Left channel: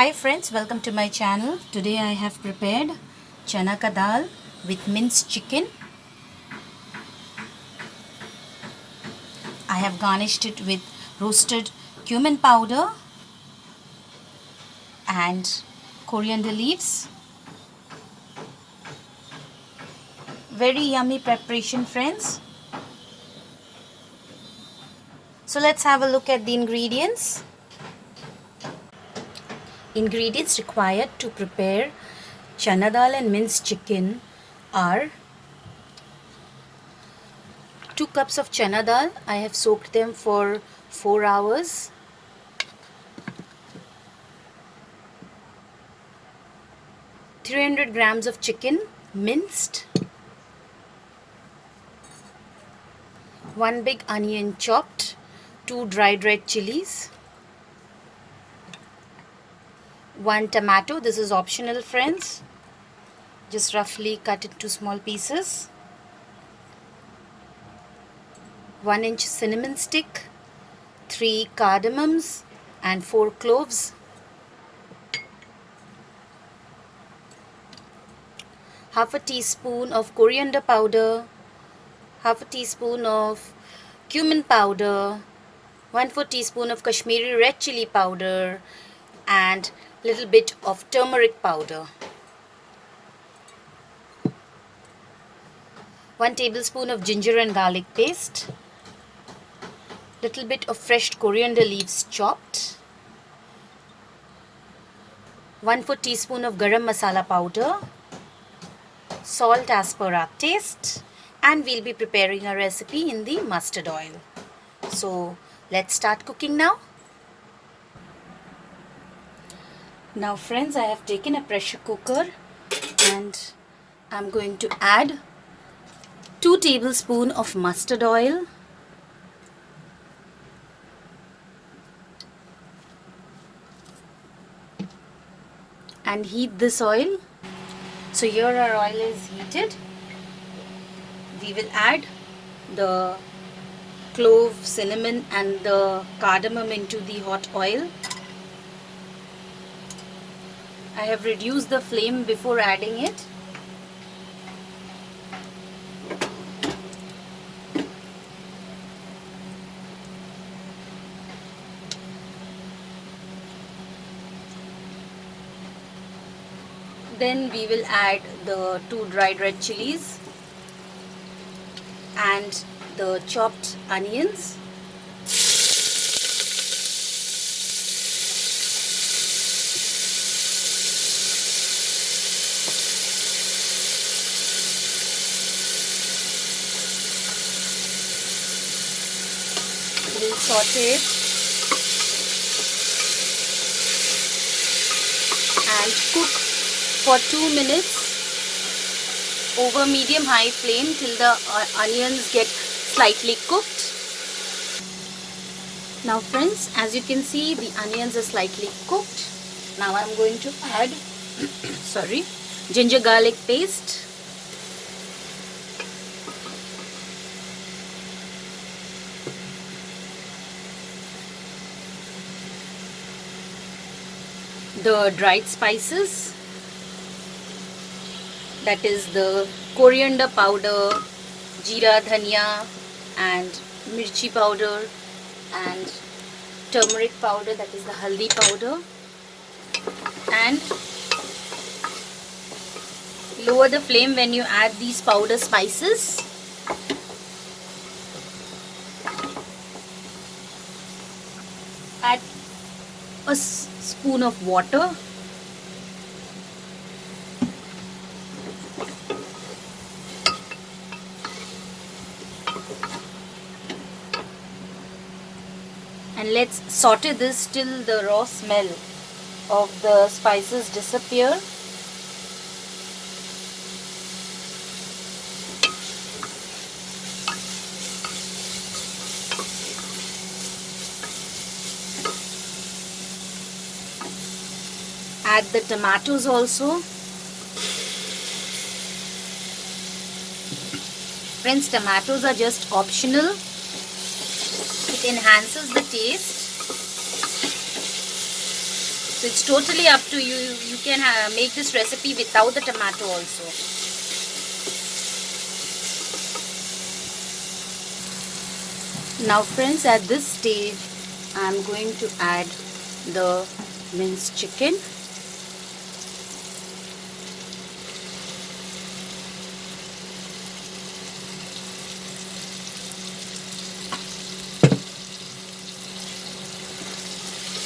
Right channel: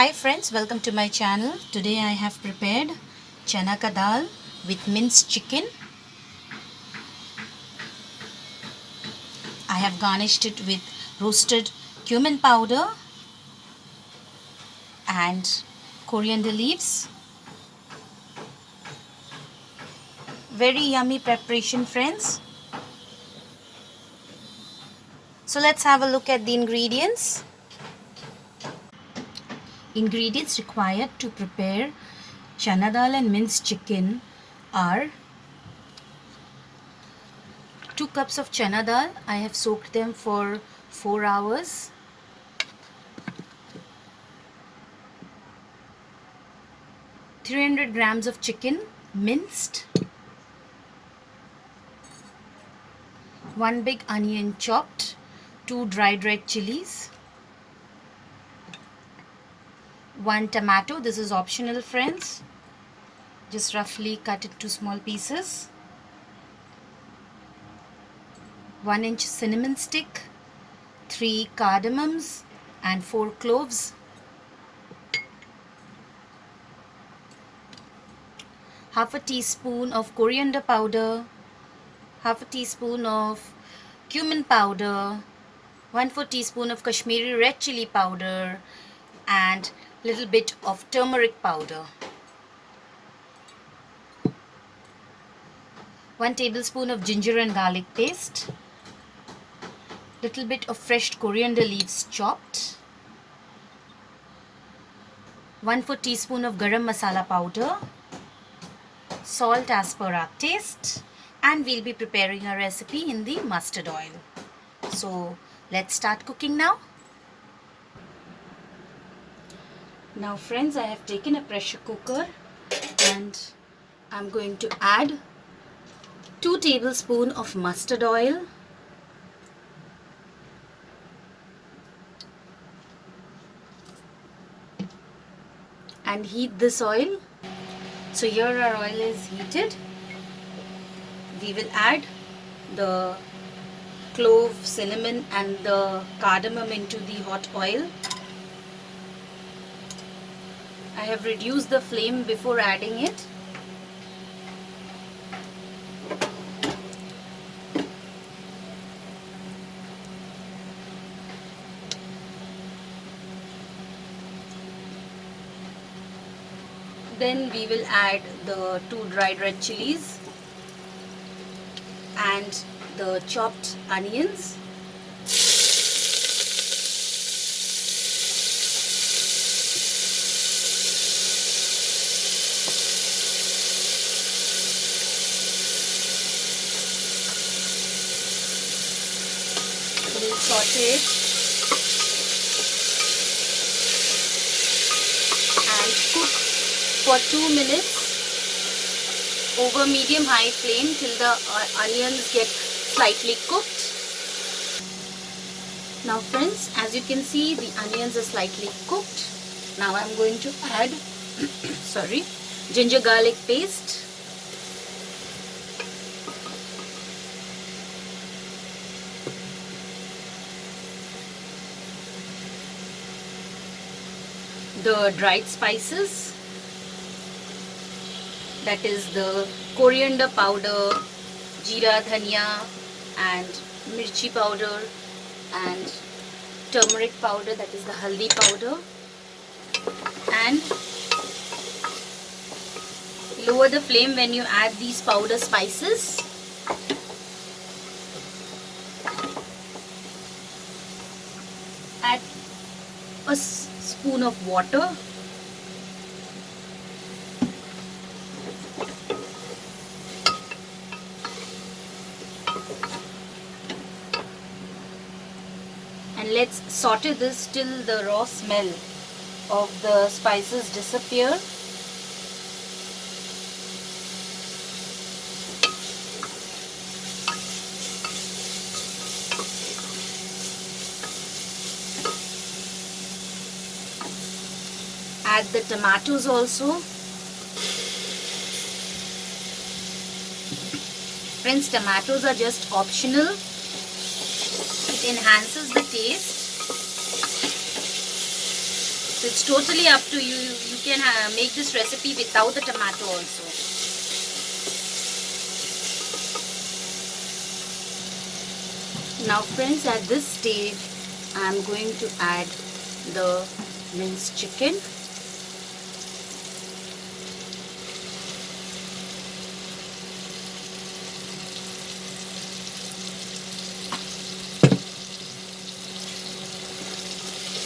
Hi friends, welcome to my channel. Today I have prepared Chana Dal with minced chicken. I have garnished it with roasted cumin powder and coriander leaves. Very yummy preparation, friends. So let's have a look at the ingredients. Ingredients required to prepare Chana Dal and minced chicken are 2 cups of Chana Dal. I have soaked them for 4 hours. 300 grams of chicken minced. 1 big onion chopped. 2 dried red chilies. 1 tomato. This is optional, friends. Just roughly cut it to small pieces. 1 inch cinnamon stick. 3 cardamoms and 4 cloves. Half a teaspoon of coriander powder. Half a teaspoon of cumin powder. 1/4 teaspoon of Kashmiri red chili powder and little bit of turmeric powder. 1 tablespoon of ginger and garlic paste. Little bit of fresh coriander leaves chopped. 1/4 teaspoon of garam masala powder. Salt as per our taste. And we'll be preparing a recipe in the mustard oil. So let's start cooking now. Now friends, I have taken a pressure cooker and I'm going to add 2 tablespoons of mustard oil. And heat this oil. So here our oil is heated. We will add the clove, cinnamon and the cardamom into the hot oil. I have reduced the flame before adding it. Then we will add the 2 dried red chilies and the chopped onions. We'll saute it and cook for 2 minutes over medium-high flame till the onions get slightly cooked. Now friends, as you can see, the onions are slightly cooked. Now I'm going to add ginger garlic paste. The dried spices, that is the coriander powder, jeera, dhania and mirchi powder and turmeric powder, that is the haldi powder, and lower the flame when you add these powder spices. Add a spoon of water. And let's saute this till the raw smell of the spices disappear. Add the tomatoes also. Friends, tomatoes are just optional. It enhances the taste. So It's totally up to you. You can make this recipe without the tomato also. Now friends, at this stage I'm going to add the minced chicken.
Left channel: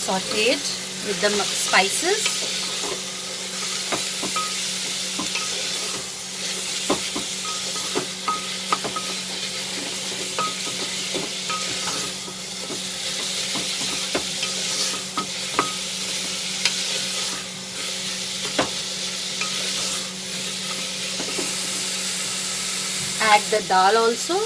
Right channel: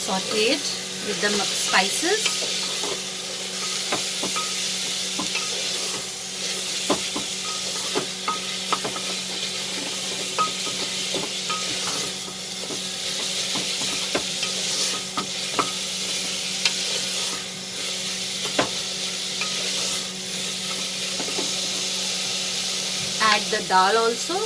Saute it with the spices. Add the dal also.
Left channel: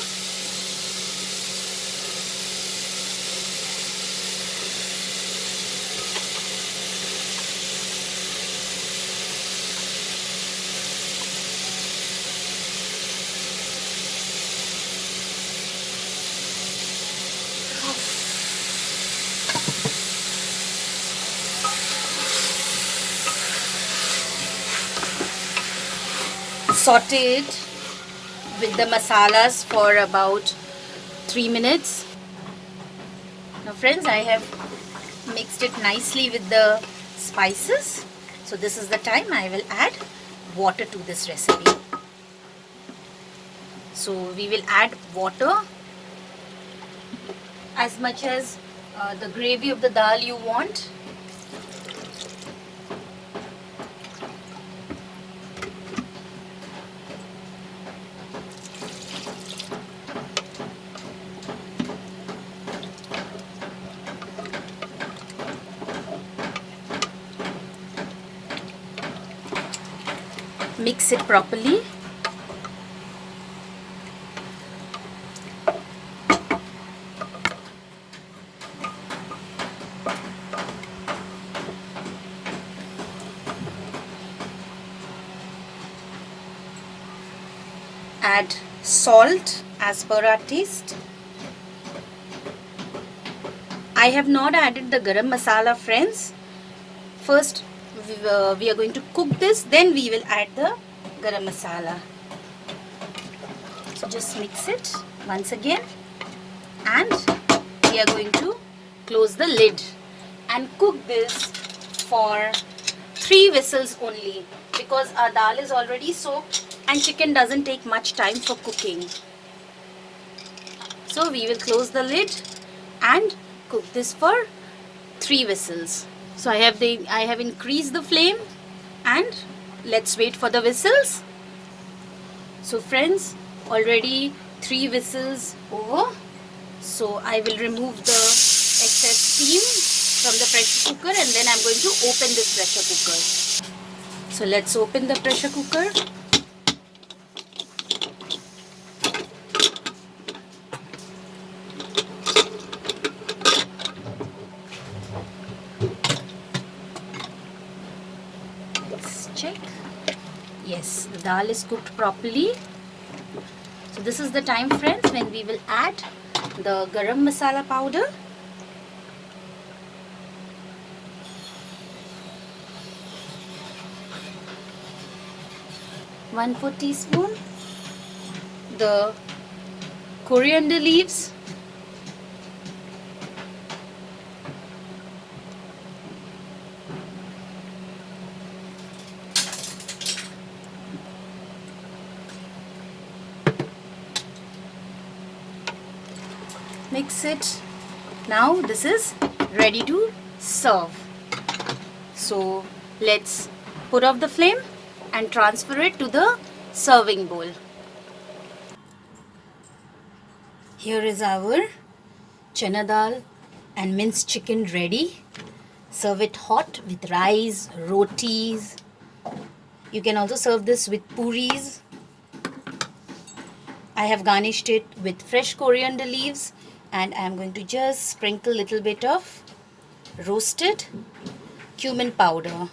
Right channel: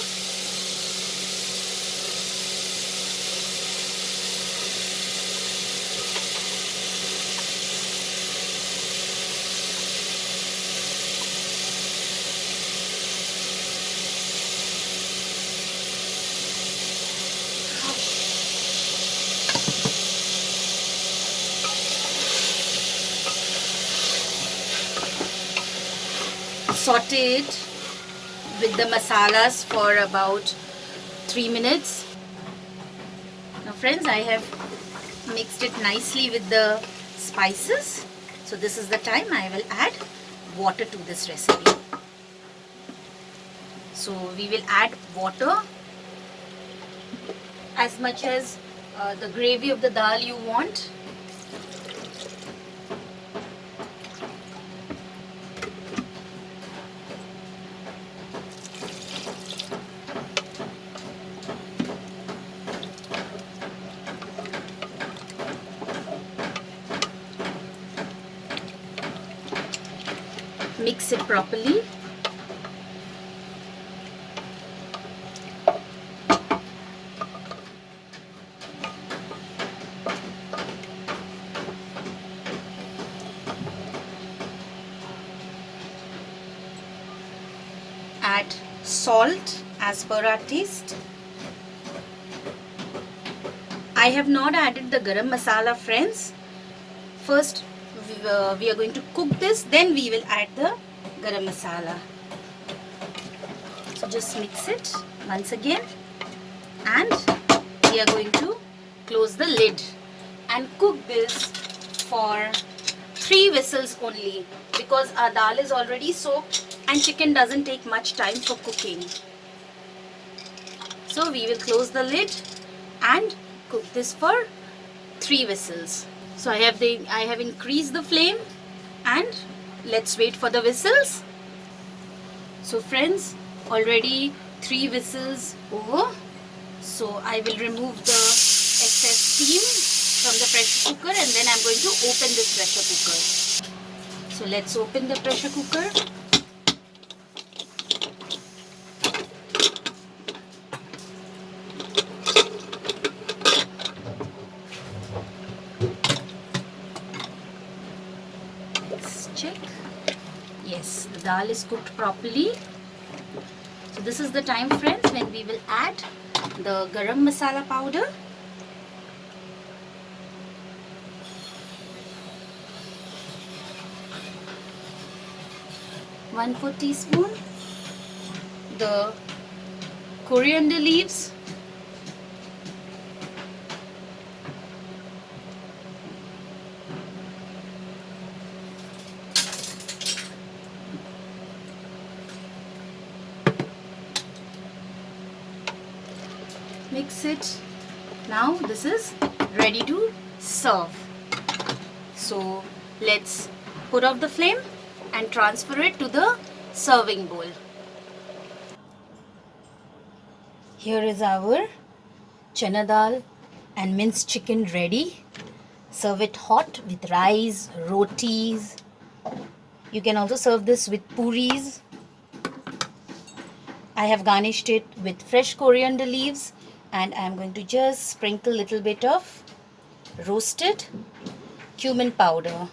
Saute it with the masalas for about 3 minutes. Now friends, I have mixed it nicely with the spices. So this is the time I will add water to this recipe. So we will add water as much as the gravy of the dal you want. Mix it properly. Add salt as per our taste. I have not added the garam masala, friends. First we are going to cook this, then we will add the garam masala. So just mix it once again, and we are going to close the lid and cook this for 3 whistles only, because our dal is already soaked and chicken doesn't take much time for cooking. So we will close the lid and cook this for 3 whistles. So I have increased the flame, and let's wait for the whistles. So friends, already 3 whistles over. So I will remove the excess steam from the pressure cooker, and then I'm going to open this pressure cooker. So let's open the pressure cooker. Let's check. Yes, the dal is cooked properly. So this is the time, friends, when we will add the garam masala powder. One teaspoon. The coriander leaves. Mix it. Now this is ready to serve. So let's put off the flame and transfer it to the serving bowl. Here is our chana dal and minced chicken ready. Serve it hot with rice, rotis. You can also serve this with puris. I have garnished it with fresh coriander leaves, and I am going to just sprinkle a little bit of roasted cumin powder.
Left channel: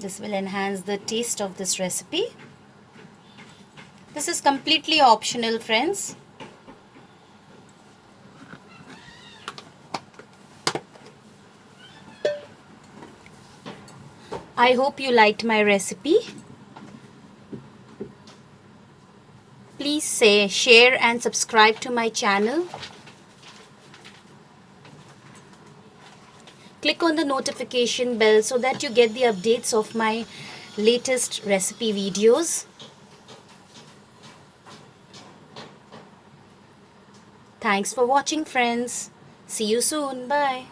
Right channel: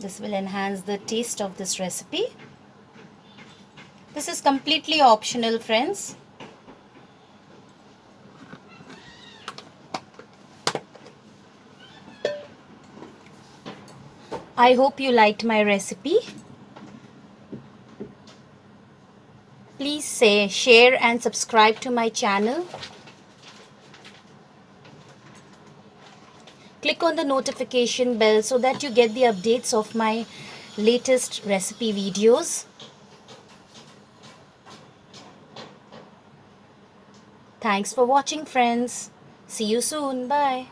This will enhance the taste of this recipe. This is completely optional, friends. I hope you liked my recipe. Please share and subscribe to my channel. Click on the notification bell so that you get the updates of my latest recipe videos. Thanks for watching, friends. See you soon. Bye.